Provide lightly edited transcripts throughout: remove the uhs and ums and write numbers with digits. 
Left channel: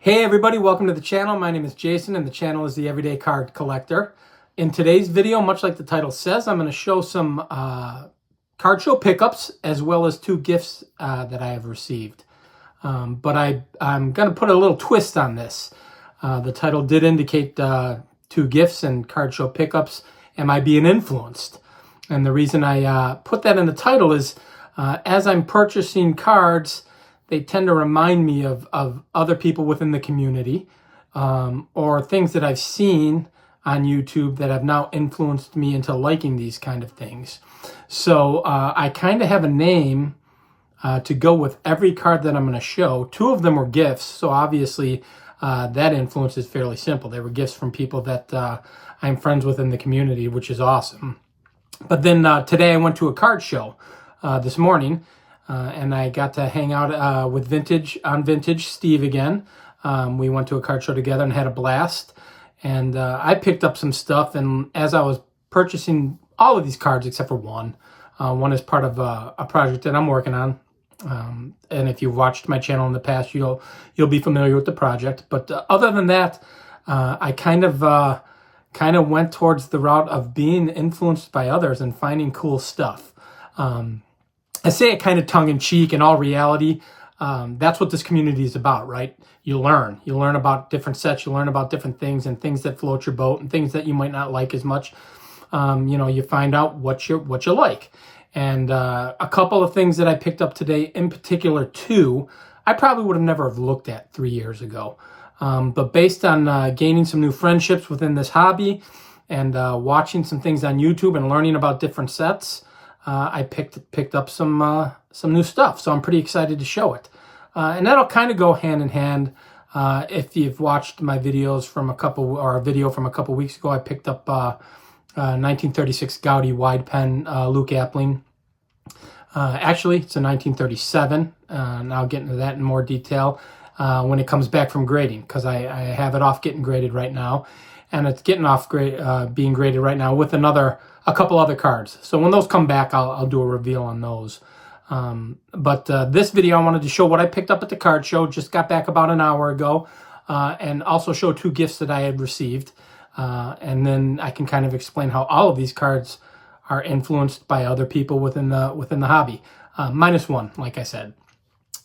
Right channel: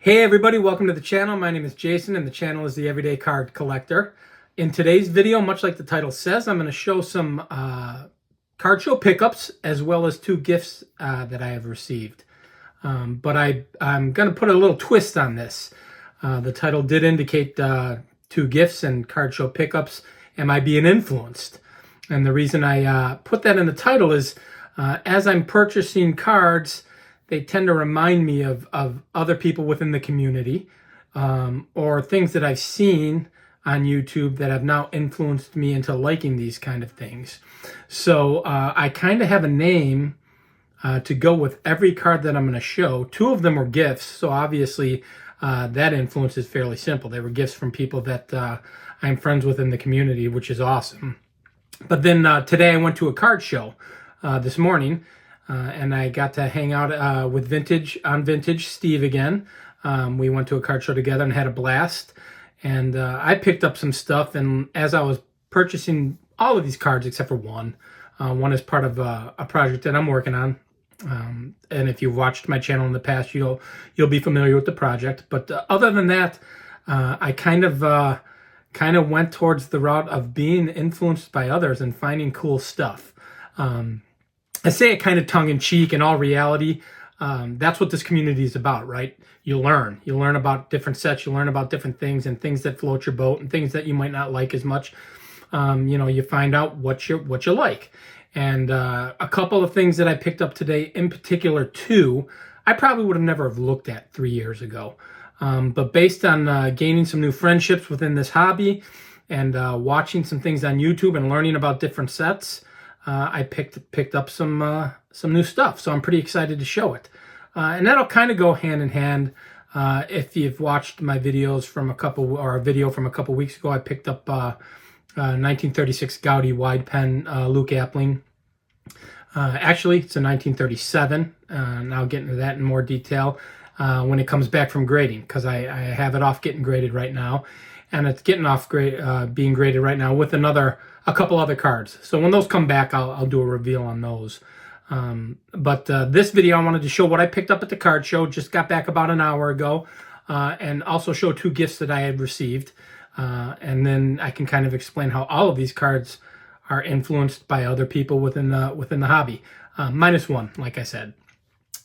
Hey everybody, welcome to the channel. My name is Jason and the channel is the Everyday Card Collector. In today's video, much like the title says, I'm going to show some card show pickups as well as two gifts that I have received. But I'm going to put a little twist on this. The title did indicate two gifts and card show pickups. Am I being influenced? And the reason I put that in the title is as I'm purchasing cards, they tend to remind me of other people within the community or things that I've seen on YouTube that have now influenced me into liking these kind of things. So I kind of have a name to go with every card that I'm going to show. Two of them were gifts, so obviously that influence is fairly simple. They were gifts from people that I'm friends with in the community, which is awesome. But then today I went to a card show this morning. And I got to hang out with Vintage Steve again. We went to a card show together and had a blast. And I picked up some stuff. And as I was purchasing all of these cards except for one is part of a project that I'm working on. And if you've watched my channel in the past, you'll be familiar with the project. But other than that, I kind of went towards the route of being influenced by others and finding cool stuff. I say it kind of tongue-in-cheek. In all reality, that's what this community is about, right? You learn about different sets, you learn about different things and things that float your boat and things that you might not like as much. You find out what you like. And a couple of things that I picked up today, in particular two, I probably would have never have looked at 3 years ago. But based on gaining some new friendships within this hobby and watching some things on YouTube and learning about different sets, I picked up some new stuff, so I'm pretty excited to show it. And that'll kind of go hand in hand. If you've watched my videos from a video from a couple weeks ago, I picked up 1936 Gaudi wide pen Luke Appling. Actually, it's a 1937, and I'll get into that in more detail when it comes back from grading, because I have it off getting graded right now, and it's getting off being graded right now with a couple other cards. So when those come back, I'll do a reveal on those. But this video, I wanted to show what I picked up at the card show. Just got back about an hour ago, and also show two gifts that I had received. And then I can kind of explain how all of these cards are influenced by other people within the hobby. Minus one, like I said.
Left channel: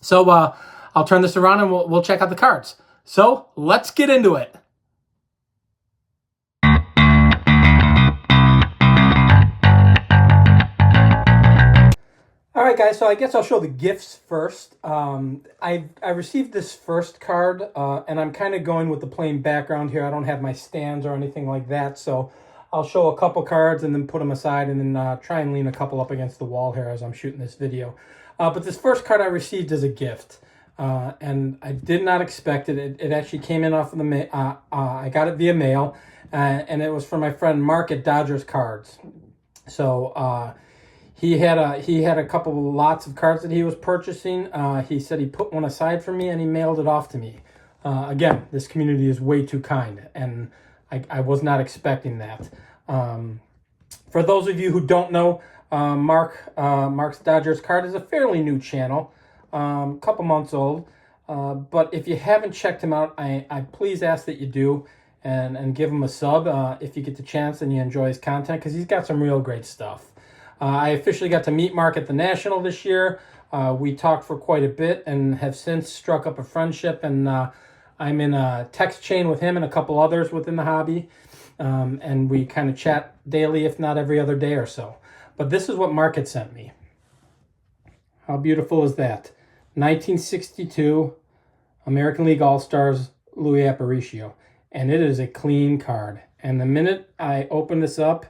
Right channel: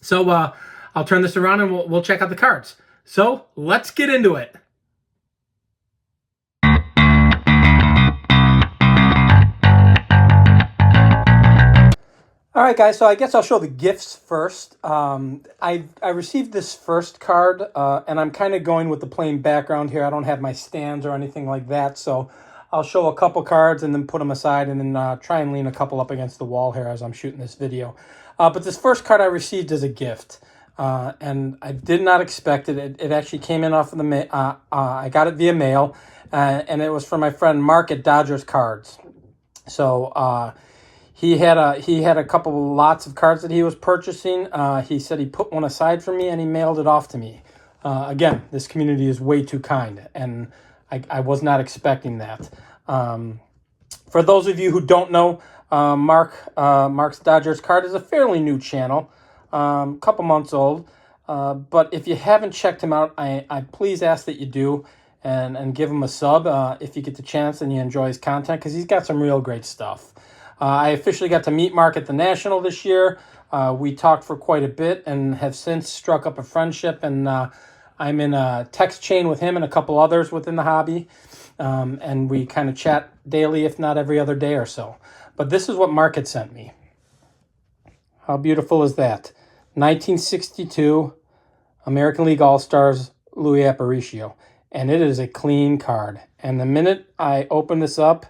So I'll turn this around and we'll check out the cards. So let's get into it. All right, guys, so I guess I'll show the gifts first. I received this first card, and I'm kind of going with the plain background here. I don't have my stands or anything like that, so I'll show a couple cards and then put them aside and then try and lean a couple up against the wall here as I'm shooting this video. But this first card I received as a gift, and I did not expect it. It actually came in off of the I got it via mail, and it was from my friend Mark at Dodgers Cards. So he had a couple lots of cards that he was purchasing. He said he put one aside for me and he mailed it off to me. Again, this community is way too kind, and I was not expecting that. For those of you who don't know, Mark's Dodgers Card is a fairly new channel, couple months old. But if you haven't checked him out, I please ask that you do and give him a sub if you get the chance and you enjoy his content, because he's got some real great stuff. I officially got to meet Mark at the National this year. We talked for quite a bit and have since struck up a friendship, and I'm in a text chain with him and a couple others within the hobby, and we kind of chat daily, if not every other day or so. But this is what Mark had sent me. How beautiful is that? 1962 American League All-Stars Luis Aparicio, and it is a clean card. And the minute I open this up,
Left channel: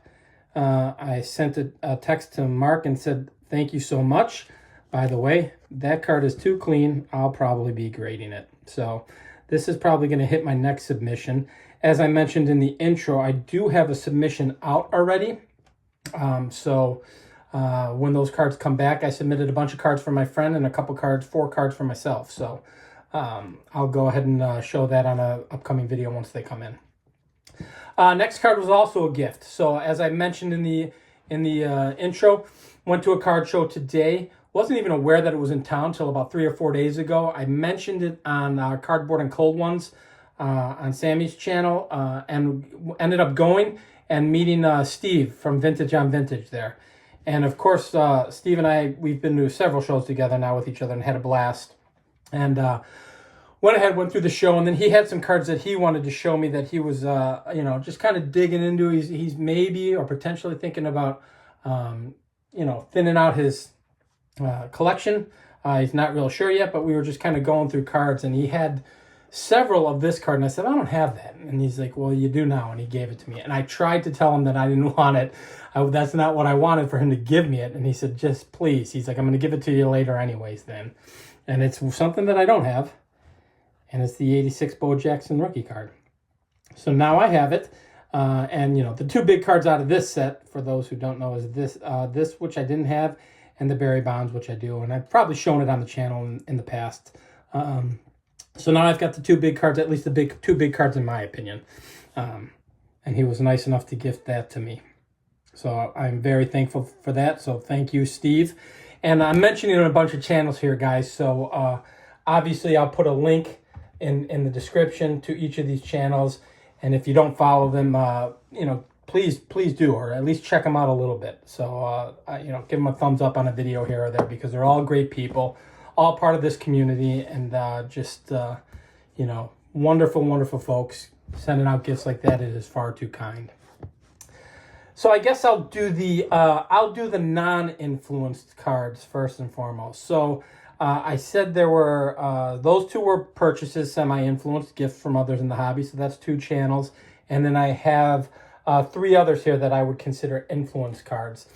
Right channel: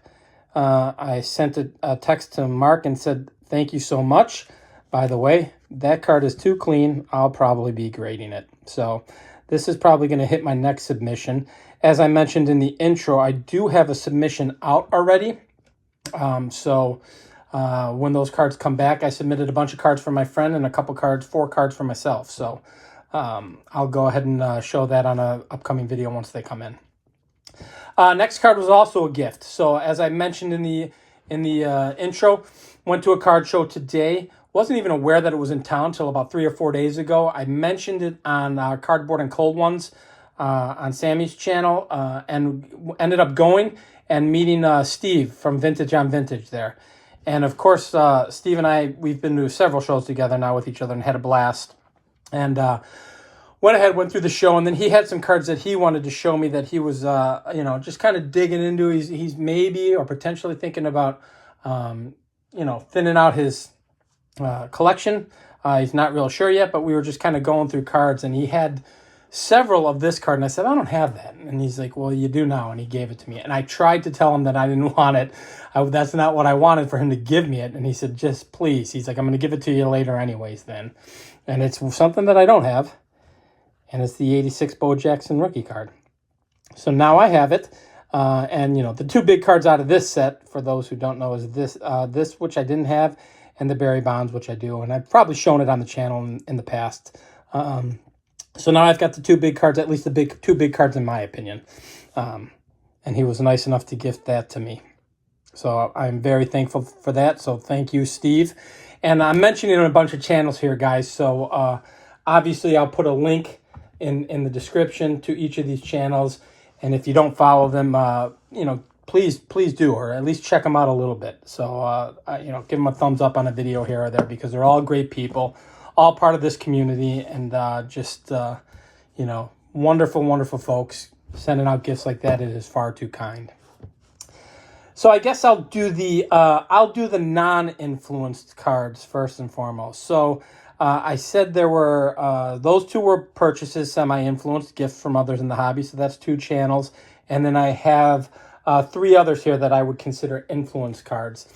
I sent a text to Mark and said, thank you so much. By the way, that card is too clean. I'll probably be grading it. So this is probably going to hit my next submission. As I mentioned in the intro, I do have a submission out already. When those cards come back, I submitted a bunch of cards for my friend and a couple cards, 4 cards for myself. So I'll go ahead and show that on an upcoming video once they come in. Next card was also a gift. So as I mentioned in the intro, went to a card show today wasn't even aware that it was in town until about 3 or 4 days ago. I mentioned it on Cardboard and Cold Ones on Sammy's channel, and ended up going and meeting Steve from Vintage on Vintage there. And of course, Steve and I, we've been to several shows together now with each other and had a blast. And went through the show, and then he had some cards that he wanted to show me that he was, just kind of digging into. He's maybe or potentially thinking about, thinning out his collection. He's not real sure yet, but we were just kind of going through cards, and he had several of this card, and I said, I don't have that. And he's like, well, you do now, and he gave it to me. And I tried to tell him that I didn't want it. That's not what I wanted, for him to give me it. And he said, just please. He's like, I'm going to give it to you later anyways then. And it's something that I don't have. And it's the 86 Bo Jackson rookie card. So now I have it. And, the two big cards out of this set, for those who don't know, is this which I didn't have, and the Barry Bonds, which I do. And I've probably shown it on the channel in the past. So now I've got the two big cards, at least the two big cards in my opinion. And he was nice enough to gift that to me. So I'm very thankful for that. So thank you, Steve. And I'm mentioning a bunch of channels here, guys. So obviously I'll put a link in the description to each of these channels. And if you don't follow them, please do, or at least check them out a little bit. So, give them a thumbs up on a video here or there, because they're all great people, all part of this community, and wonderful, wonderful folks. Sending out gifts like that is far too kind. So I guess I'll do the non-influenced cards first and foremost. So I said there were those two were purchases, semi-influenced gifts from others in the hobby. So that's two channels, and then I have three others here that I would consider influenced cards.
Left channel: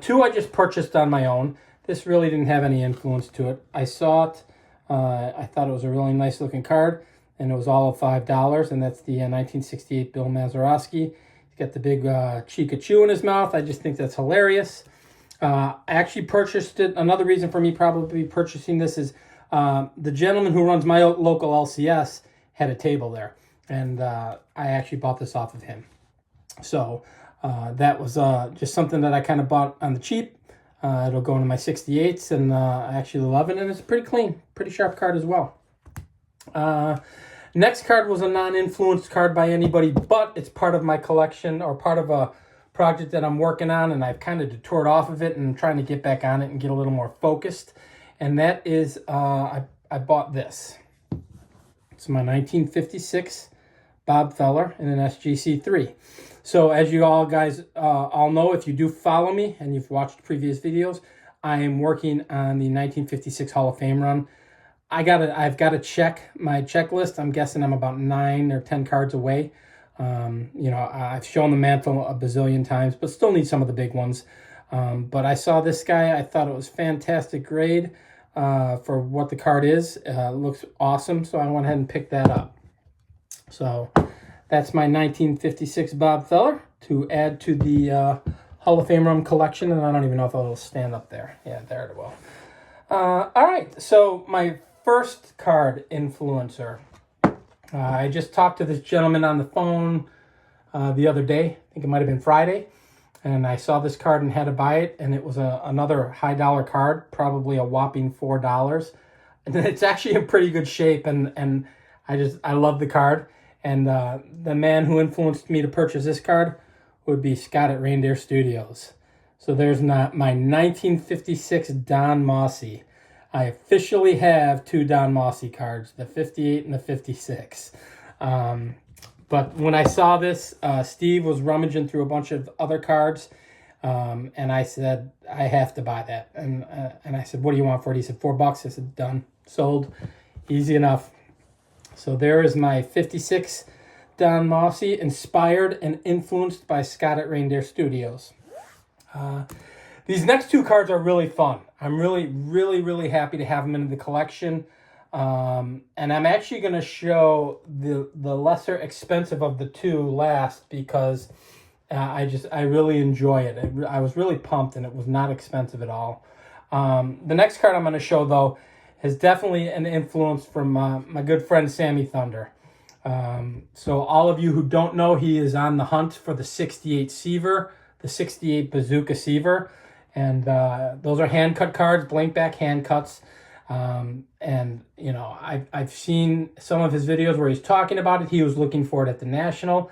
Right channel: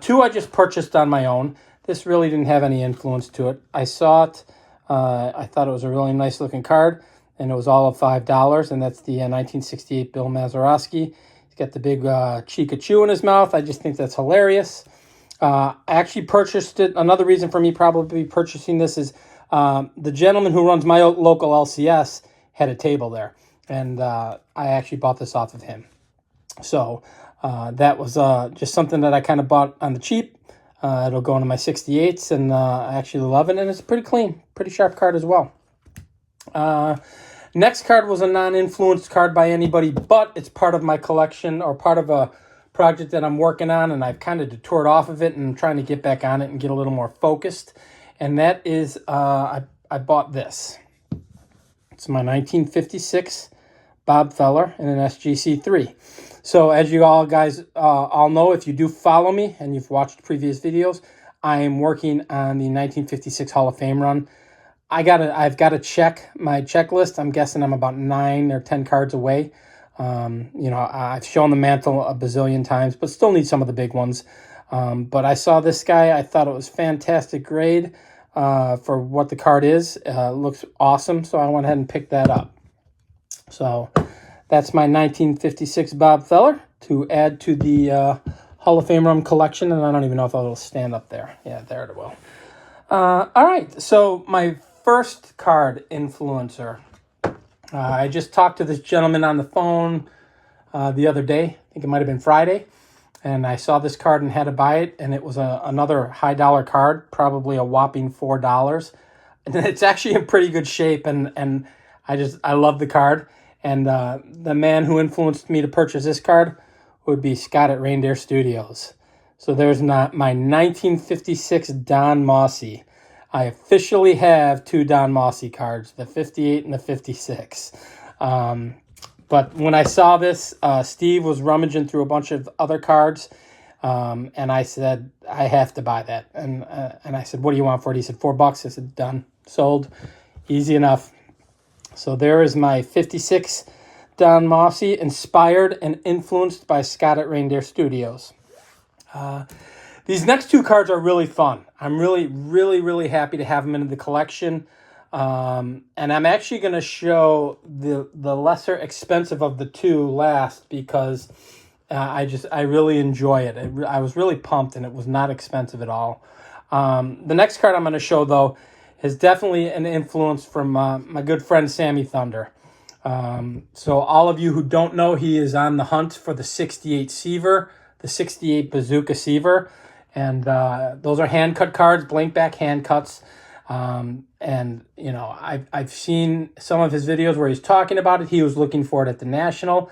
Two I just purchased on my own. This really didn't have any influence to it. I saw it. I thought it was a really nice looking card, and it was all of $5, and that's the 1968 Bill Mazeroski. He's got the big Chikachu in his mouth. I just think that's hilarious. I actually purchased it. Another reason for me probably purchasing this is the gentleman who runs my local LCS had a table there, and I actually bought this off of him. So that was just something that I kind of bought on the cheap. It'll go into my 68s, and I actually love it, and it's pretty clean, pretty sharp card as well. Next card was a non-influenced card by anybody, but it's part of my collection, or part of a project that I'm working on, and I've kind of detoured off of it, and I'm trying to get back on it and get a little more focused. And that is, I bought this. It's my 1956 Bob Feller in an SGC3. So as you all guys all know, if you do follow me and you've watched previous videos, I am working on the 1956 Hall of Fame run. I've got to check my checklist. I'm guessing I'm about 9 or 10 cards away. I've shown the mantle a bazillion times, but still need some of the big ones. But I saw this guy. I thought it was fantastic grade for what the card is. Looks awesome, so I went ahead and picked that up. So that's my 1956 Bob Feller to add to the Hall of Fame run collection, and I don't even know if it'll stand up there. Yeah, there it will. All right, so my first card influencer. I just talked to this gentleman on the phone the other day. I think it might have been Friday. And I saw this card and had to buy it. And it was another high dollar card, probably a whopping $4. And it's actually in pretty good shape. And I love the card. And the man who influenced me to purchase this card would be Scott at Reindeer Studios. So there's my 1956 Don Mossie. I officially have two Don Mossie cards, the 58 and the 56. But when I saw this, Steve was rummaging through a bunch of other cards, and I said, I have to buy that. And I said, what do you want for it? He said, $4. I said, done, sold, easy enough. So there is my 56 Don Mossie, inspired and influenced by Scott at Reindeer Studios. These next two cards are really fun. I'm really, really, really happy to have them in the collection. And I'm actually going to show the lesser expensive of the two last, because I really enjoy it. I was really pumped, and it was not expensive at all. The next card I'm going to show, though, is definitely an influence from my good friend Sammy Thunder. So all of you who don't know, he is on the hunt for the 68 Seaver, the 68 Bazooka Seaver. And those are hand-cut cards, blank back hand cuts. And, you know, I've seen some of his videos where he's talking about it. He was looking for it at the National.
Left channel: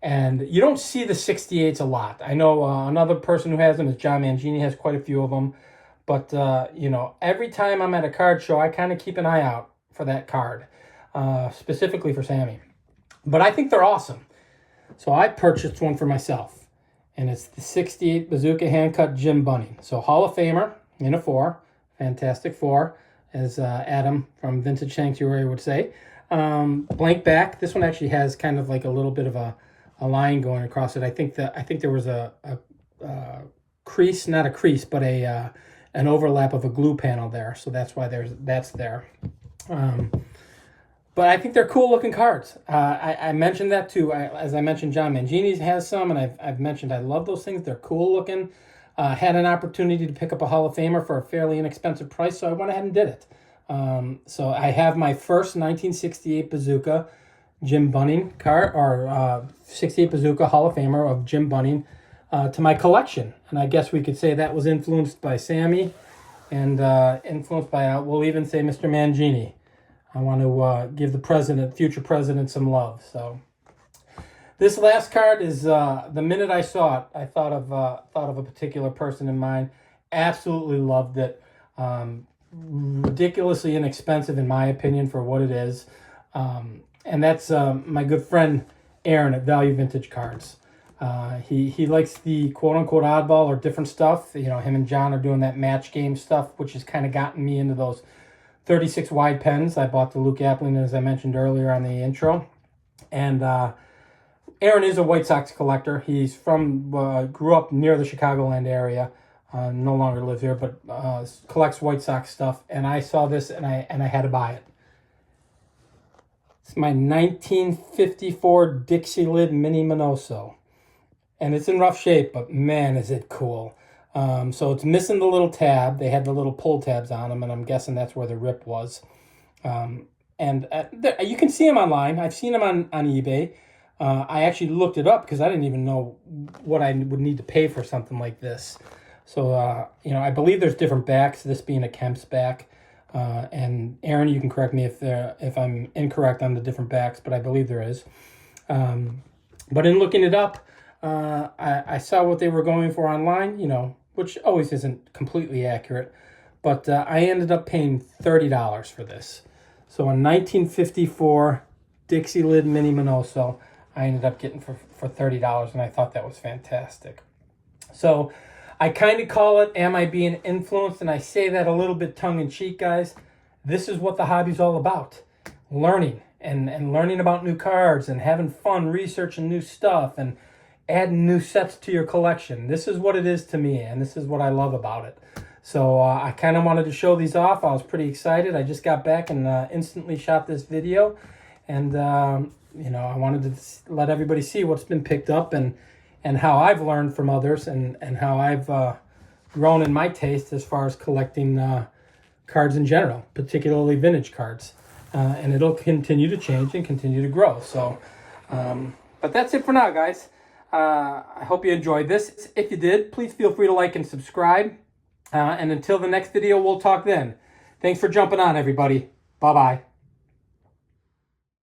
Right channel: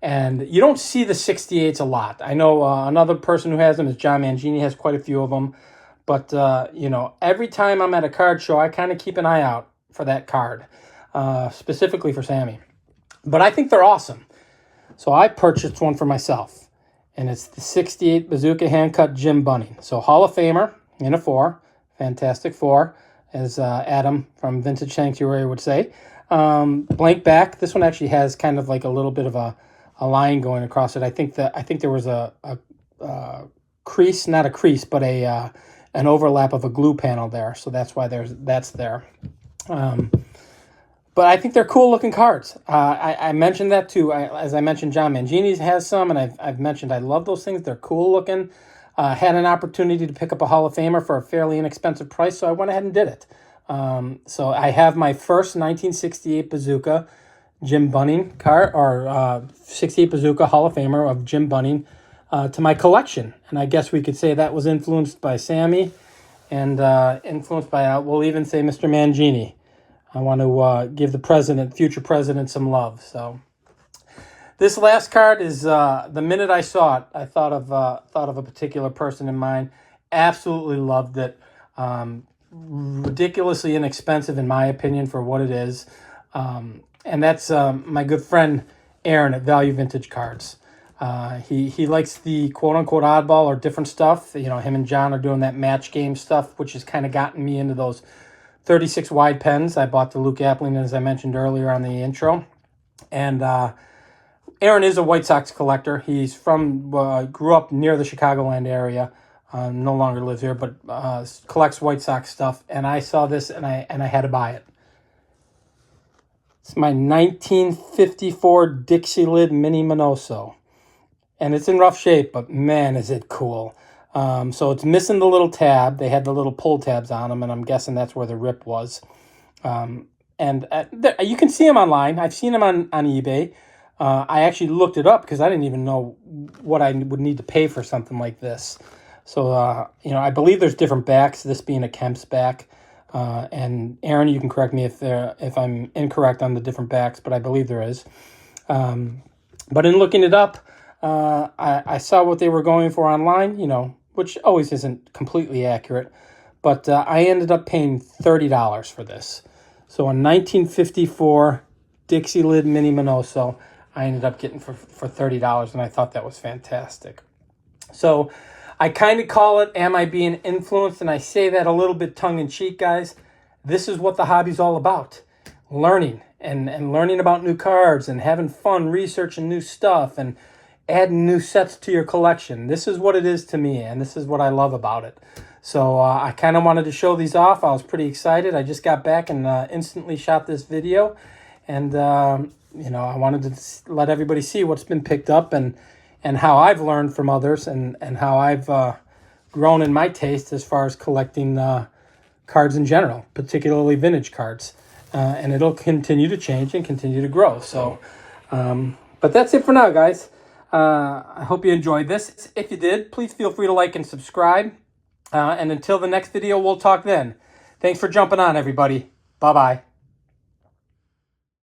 And you don't see the 68s a lot. I know another person who has them is John Mangini, has quite a few of them. But, you know, every time I'm at a card show, I kind of keep an eye out for that card, specifically for Sammy. But I think they're awesome. So I purchased one for myself. And it's the 68 Bazooka Hand-Cut Jim Bunning. So Hall of Famer in a 4. Fantastic 4, as Adam from Vintage Sanctuary would say. Blank back. This one actually has kind of like a little bit of a line going across it. I think there was a crease, not a crease, but an overlap of a glue panel there. So that's why that's there. But I think they're cool looking cards. I mentioned that too. As I mentioned, John Mangini has some, and I've mentioned I love those things. They're cool looking. Had an opportunity to pick up a Hall of Famer for a fairly inexpensive price, so I went ahead and did it. So I have my first 1968 Bazooka Jim Bunning card, or 68 Bazooka Hall of Famer of Jim Bunning to my collection. And I guess we could say that was influenced by Sammy and influenced by, we'll even say, Mr. Mangini. I want to give the future president, some love. So this last card is the minute I saw it, I thought of a particular person in mind. Absolutely loved it. Ridiculously inexpensive, in my opinion, for what it is. And that's my good friend Aaron at Value Vintage Cards. He likes the quote-unquote oddball or different stuff. You know, him and John are doing that match game stuff, which has kind of gotten me into those 36 wide pens. I bought the Luke Appling, as I mentioned earlier on the intro. And Aaron is a White Sox collector. He's from, grew up near the Chicagoland area. No longer lives here, but collects White Sox stuff. And I saw this, and I had to buy it. It's my 1954 Dixie Lid Mini Minoso. And it's in rough shape, but man, is it cool. So it's missing the little tab. They had the little pull tabs on them, and I'm guessing that's where the rip was. You can see them online. I've seen them on eBay. I actually looked it up because I didn't even know what I would need to pay for something like this. So, you know, I believe there's different backs, this being a Kemp's back. And Aaron, you can correct me if I'm incorrect on the different backs, but I believe there is. But in looking it up, I saw what they were going for online, you know, which always isn't completely accurate. But I ended up paying $30 for this. So a 1954 Dixie Lid Mini Minoso, I ended up getting for $30, and I thought that was fantastic. So I kind of call it, am I being influenced? And I say that a little bit tongue-in-cheek, guys. This is what the hobby's all about. Learning, and learning about new cards, and having fun researching new stuff, and adding new sets to your collection. This is what it is to me, and this is what I love about it. So I kind of wanted to show these off. I was pretty excited. I just got back and instantly shot this video. And, you know, I wanted to let everybody see what's been picked up and how I've learned from others and how I've grown in my taste as far as collecting cards in general, particularly vintage cards. And it'll continue to change and continue to grow. So, but that's it for now, guys. I hope you enjoyed this. If you did, please feel free to like and subscribe. And until the next video, we'll talk then. Thanks for jumping on, everybody. Bye-bye.